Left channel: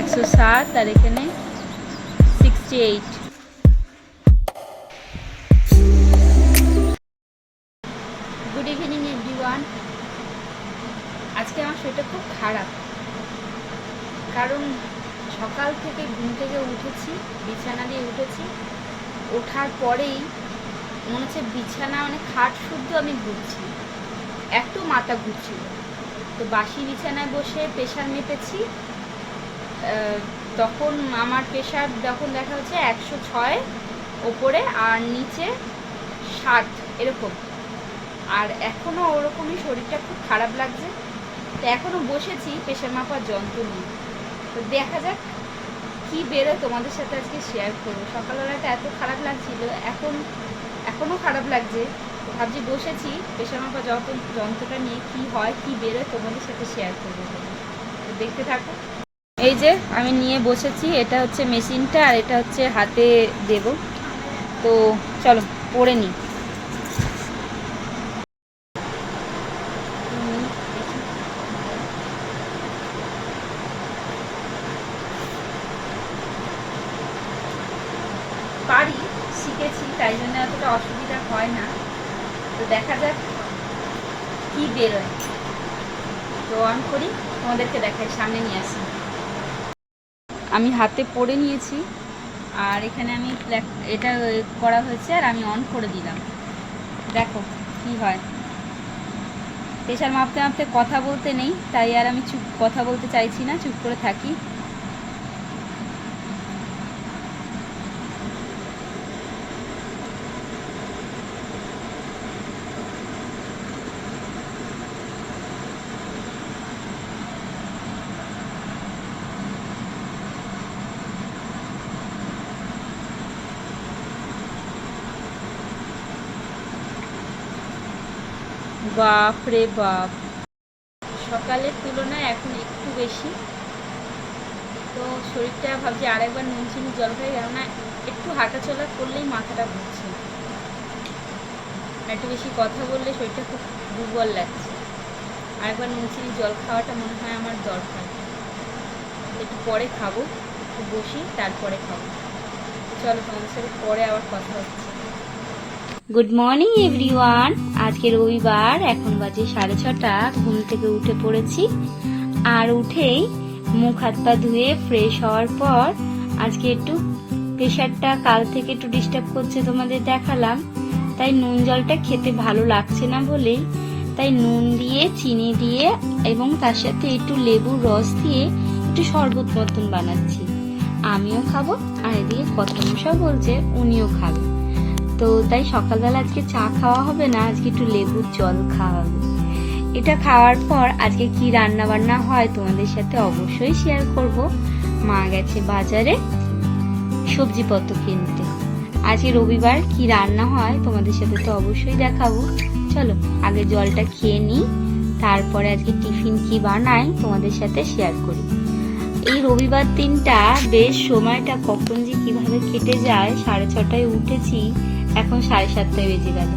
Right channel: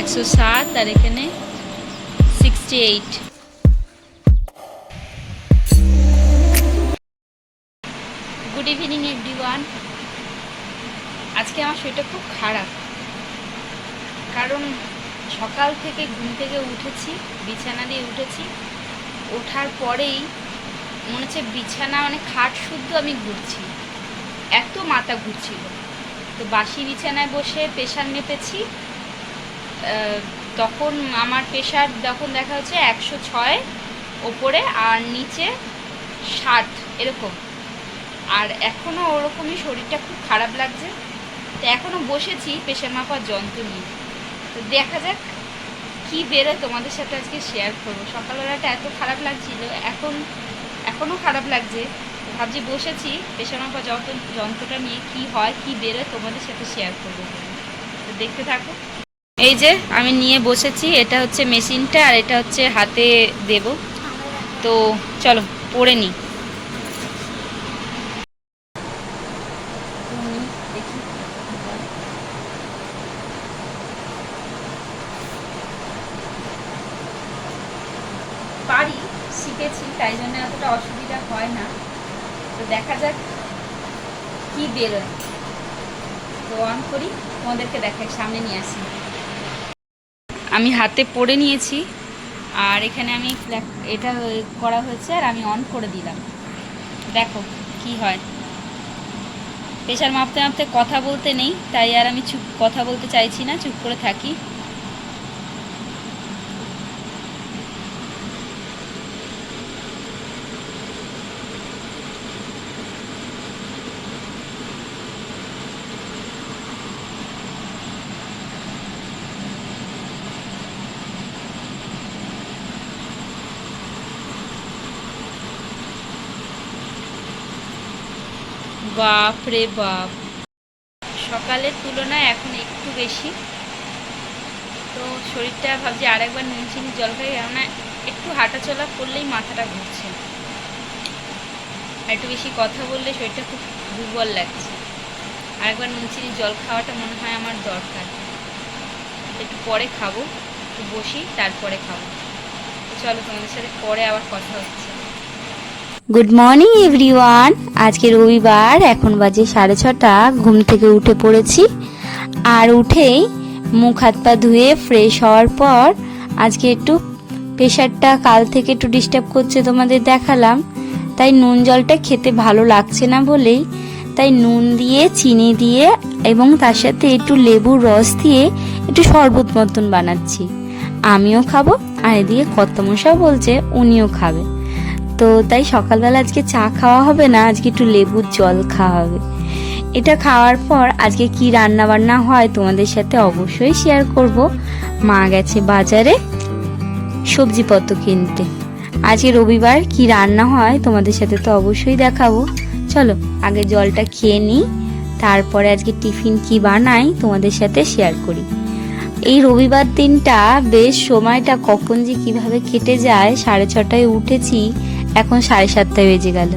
একশো সাত, আর এখানে sixty eight good evening everyone আজকে আমার শরীরটা খুব খারাপ, কারণ সকাল থেকে ঘুম থেকে উঠেছি, বিছানা দিয়ে উঠেছি। ওঠার পরেই মনে হচ্ছে বিছানা মানে খাট শুদ্ধ আমি ঘুরছি, এত মাথা ঘুরছিল। তো বাসি বিছানায় বসে প্রেশার মেপেছি তখন আমার প্রেশার যখন দেখা হচ্ছে একশো ছয় ওপরে আর নিচে ষাট, এরকম। আর এখনও ওরকমই শরীরটা খুব খারাপ লাগছে। তো এখনও বসেছি প্রেশার মাপার যন্ত্র নিয়ে। তো দেখা যাক কি বেরোয় তোমাদের সাথে আজকে শেয়ার করব। সকালবেলাটা এত খারাপ লাগছিল, এখন এখনও খারাপ লাগছে। ভাবছি বসেছি প্রেশার যন্ত্র, যন্ত্রটা নিয়ে কি হয়, কি বেরোয় তোমাদের সাথে শেয়ার করব তো দেখতে থাকো। এই যে আমি নিয়ে বসেছি, এটা হচ্ছে মেশিনটা আর এটা হচ্ছে হাতে দেব। তো চলো, পরে নিই পারি শিখেছি, তাই জন্য অতটা অসুবিধা হয় না। তো দেখা যাক কি বেরোয়। তো অন করি, তোমাদেরকে দেখাই, সামনে নিয়ে আসি। আমি হাতে পড়ে নিয়েছি। আর এখানে আমি এটা করা হয়েছে আর আমি অন করে দিলাম। দেখো কি হয়। প্রেশার মাপতে মাপতে কথা বলতে নেই, তাই আর আমি চুপ, কথা বলতে চাইছি না, চুপ করে থাকি। বাপ রে বাপ। সকালের তুলনায় এখন একটু বেশি। তো শরীরটা ভাবছি আরেকবার নুন, চিনি, জল খাই, কেননা একটু হাঁটাচলা করলেই মাথাটা ঘুরছে। আর একটু বেশি কথা বললে শরীরটা খুব দুর্বল লাগছে। আরেকবার নুন, চিনি, জল খাওয়াটা মনে হয় আমার দরকার। একটু পরে খাব, একটু বসি, তারপরে খাব। চলো তোমাদের সাথে পরে আবার কথা হচ্ছে। গুড মর্নিং এভরিওয়ান আজকে রবিবার, এখন বাজে সাড়ে ছটা, ঘুম থেকে উঠে পড়েছি। আর উঠেই মুখ হাত পা ধুয়ে ফ্রেশ হওয়ার পর আজকে একটু প্রেশারটা কাল থেকে একটু ডিস্টার্ব করছে তোমাদের দেখালাম। তাই নুন জলটা খেতে ভালো লাগছে না বলেই তাই নুন দিয়ে, চিনি দিয়ে এবং তার সাথে একটু লেবুর রস দিয়ে একটু শরবত মতন বানাচ্ছি। আমিও খাব, আর এদিকে কর্তমশাও বলছে উনিও খাবে। তো তাই সকালবেলা আজকে চা খাওয়া হবে না, আজকে একটু লেবুর জল খাওয়া হবে। এটা খাওয়ার পর আজকে কি রান্না বান্না হয় তোমাদের সাথে অবশ্যই শেয়ার করব। মা গেছে বাজারে সবজিপত্র কিনতে। আজকে রবিবার কি রান্না হয় তোমাদের সাথে তো অবশ্যই দেখাবো। চলো, আগে জলটা খেয়ে নিই, তারপরে আজকে টিফিন কি বানাই তোমাদের সাথে শেয়ার করি। এই রবিবার দিনটা বেশ সময়টা কখন যে কীভাবে কেটে যায়, সাড়ে ছটায় উঠেছি এখন সাড়ে সাতটায় বেজে গেল।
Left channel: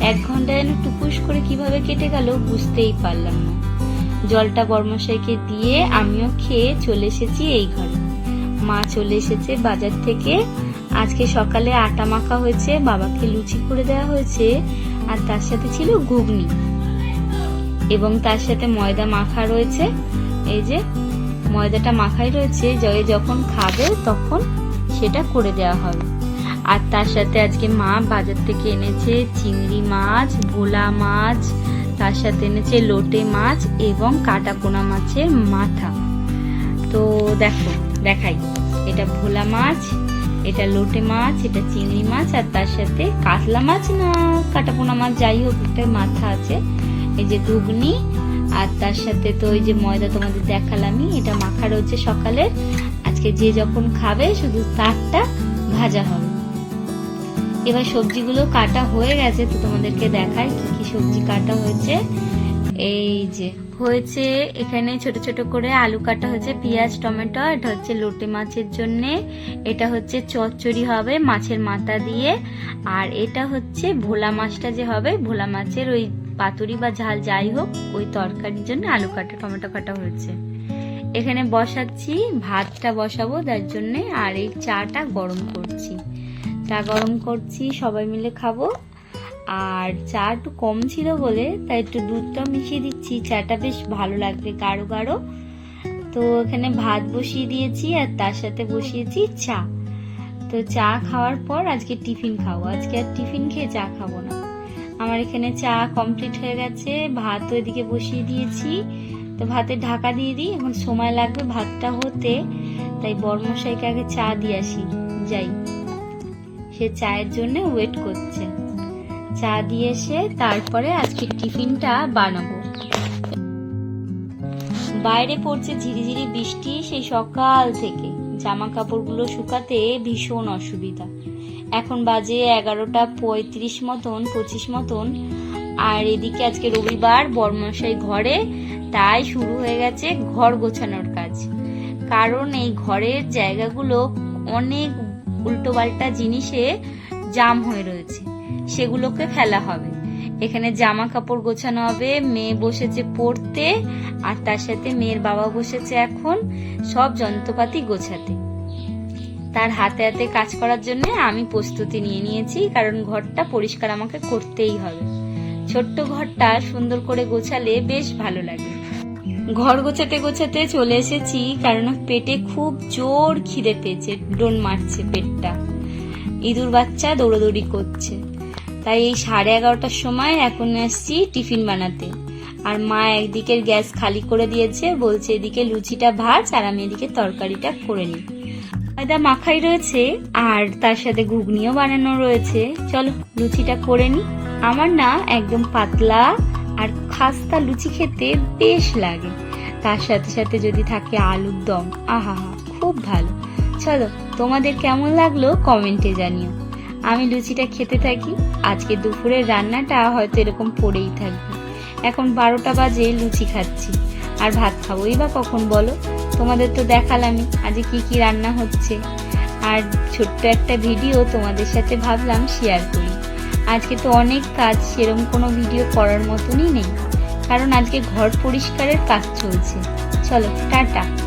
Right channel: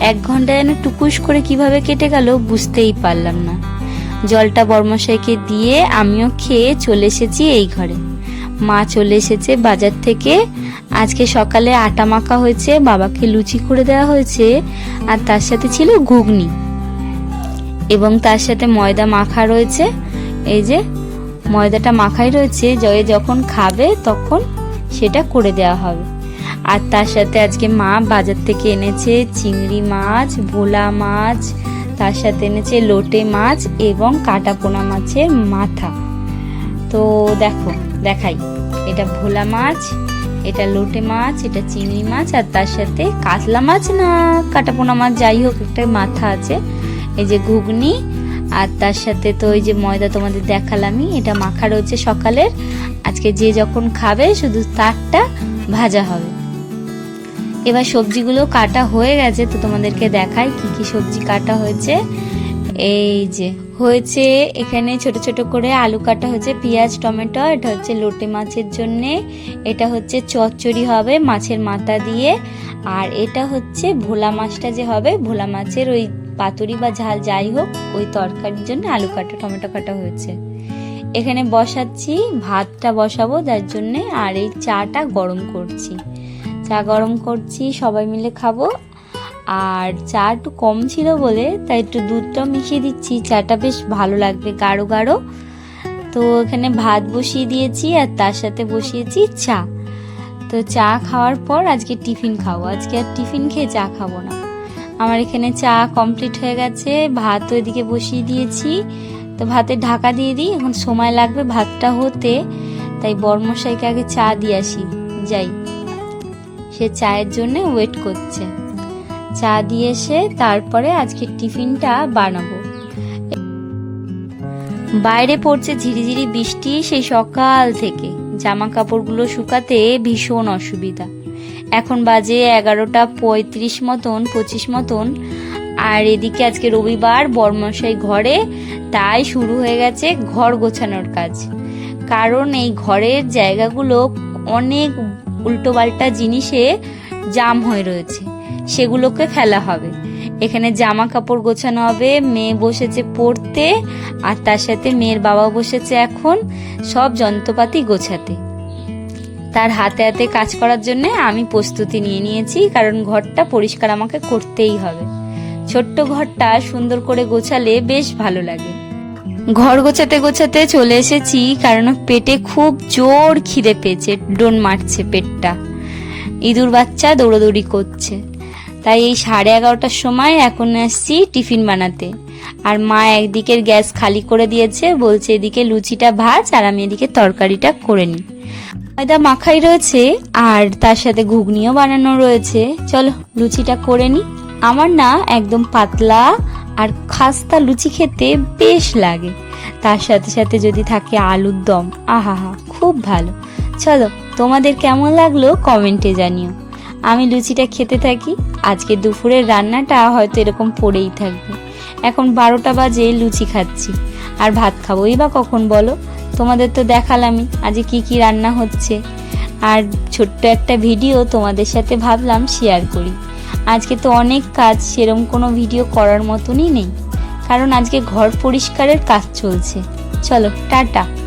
এক ঘণ্টা যেন টুকুস করে কীভাবে কেটে গেল বুঝতেই পারলাম না। জলটা বর্মশাইকে দিয়ে আমিও খেয়ে চলে এসেছি এই ঘরে। মা চলে এসেছে বাজার থেকে। আজকে সকালে আটা মাখা হয়েছে, বাবাকে লুচি করে দেওয়া হয়েছে, আর তার সাথে ছিল ঘুগনি। এবং তার সাথে ময়দা মাখা রয়েছে। এই যে, ময়দাটা মাখাই রয়েছে জয়ে যখন খাবে তখন সেটা করে দেওয়া হবে। আর তার সাথে আজকে মা বাজার থেকে এনেছে চিংড়ি মাছ, ভোলা মাছ, তার সাথে এনেছে লোটে মাছ এবং কাটা পোনা মাছের মাথা। তো দেখো, দেখাই। এটা ভোলা মাছ, এটা লোটে মাছ, এটা চিংড়ি মাছ আর তার সাথে কাতলা মাছ না, কাটা পোনা মাছ যাই হোক, একটা মাথা আছে। এই যে ঘুগনি আর তার সাথে তো ওই যে ময়দা তোমাদের দেখালামই, এটা মাখা রয়েছে সকালের। আজকে যে যখন খাবে শুধু তারটা ভাজা হবে। এবার সবজিগুলো কাটা হয়ে গেছে তো তোমাদেরকে দেখাই কি কি সবজি কাটা হয়েছে। এই যে, হয়েছে এখানে ছোট ছোট করে আলু কাটা হয়েছে, পেঁয়াজ, টমেটো, এটা হচ্ছে লোটে মাছের জন্যে। এটা হচ্ছে চচ্চড়ি হবে মাছের মাথা দিয়ে। আর এটা হচ্ছে ভোলা মাছটা যে হবে, ভোলা মাছের ওই পাতুরি বা ঝাল যাই হোক, ওই তরকারির জন্য আলু কাটা, টমেটো কাটা হয়েছে। এখানে বসাচ্ছি, ভাতটা বসাবো যার জন্যে। আর এই চাটা গরম করছি। চা গরম করছি, সবাই মিলে খাব। আর চা একটু কম ছিল বলে, তাই একটু দুধটাও মিশিয়ে দিচ্ছি। চাটা বেশ ভালো লাগবে গাঢ় গাঢ়। তো এখানে ভাত বসিয়ে দিয়েছি আর তার সাথে বসিয়েছি চা। তো চা খাওয়ার পর আজকে টিফিন খাব। আজকে আর টিফিন খেয়ে চা খাব না। আমার এখানে চা কমপ্লিট হয়ে গেছে। ভাত ওইদিকে বসিয়ে দিয়েছি। তো ভাতে ঢাকা দিয়ে দিই। এখন সময় লাগবে ভাতটা হতে। তাই বর্মশাইকে আগে চা দিয়ে আসি। যাই। সে চায়ের জন্য ওয়েট করছে। চা দিয়ে এসে তারপরে আজকে টিফিনটা বানাবো। বাইরে পড়ছে ঝিরিঝিরি বৃষ্টি সেই সকাল থেকে। জামা কাপড়গুলো শুকাতে ভীষণ অসুবিধা। এখন বাজে এগারোটা পঁয়ত্রিশ মতন, পঁচিশ মতন। আর এদিকে আজকে রবিবার বর্মশাই ঘরে, তাই শুরু হয়ে গেছে ঘর গোছানোর কাজ। কারণ এই ঘরের জায়গাগুলো অনেক উল্টোপাল্টা জিনিসে জাম হয়ে রয়েছে। সেগুলোকে ফেলা হবে। এখানে জামা কাপড় গোছানো হবে, মেয়ে বসেছে পড়তে, আর তার সাথে মেয়ের বাবা বসেছে এখন, সব যন্ত্রপাতি গোছাতে। তার হাতে হাতে কাজ করার জন্য আমি প্রস্তুতি নিয়ে নিয়েছি, কারণ ঘরটা পরিষ্কার আমাকে করতেই হবে। ছোট্ট ঘরটা সুন্দর করে গোছালে বেশ ভালো লাগে। ঘর গোছাতে গোছাতে চলে এসেছি, কারণ পেটে খুব জোর খিদে পেয়েছে, ডোন মারছে পেটটা। ইঁদুর বাচ্চা দৌড়োদৌড়ি করছে। তাই এই সাড়ে এগারোটার সময় এখন আসছি টিফিন বানাতে। আর মা একদিকের গ্যাস খালি করে দিয়েছে, বলছে এদিকে লুচিটা ভাজ আর আমি এদিকে তরকারিটা করে নিই। ময়দা মাখাই রয়েছে, আর তার সাথে ঘুগনিও বানানো রয়েছে। চলো লুচিটা করে নিই। আমার না একদম পাতলা আর খাস্তা লুচি খেতে বেশ লাগে। তার সাথে সাথে যদি থাকে আলুর দম আহা হা খুব ভালো। চলো, তোমাদের কেমন লাগল কমেন্টে জানিও। আমি লুচিটা খেতে থাকি, আজকে দুপুরের রান্নাটা হয়তো এরকম পড়েই থাকবে। এখন বারোটা বাজে, লুচি খাচ্ছি। আর ভাত খাবোই বা কখন বলো? তোমাদের তো দেখালামই আজ কি কি রান্না হচ্ছে। আর ছোট্ট একটা ভিডিও তোমাদের সাথে ভাবলাম শেয়ার করি। আজকে তো অনেক কাজ, সেরম কোনো ভিডিও করার মতনই নেই। কারণ আজকে ঘর পরিষ্কারের কাজ চলছে। চলো, টাটা।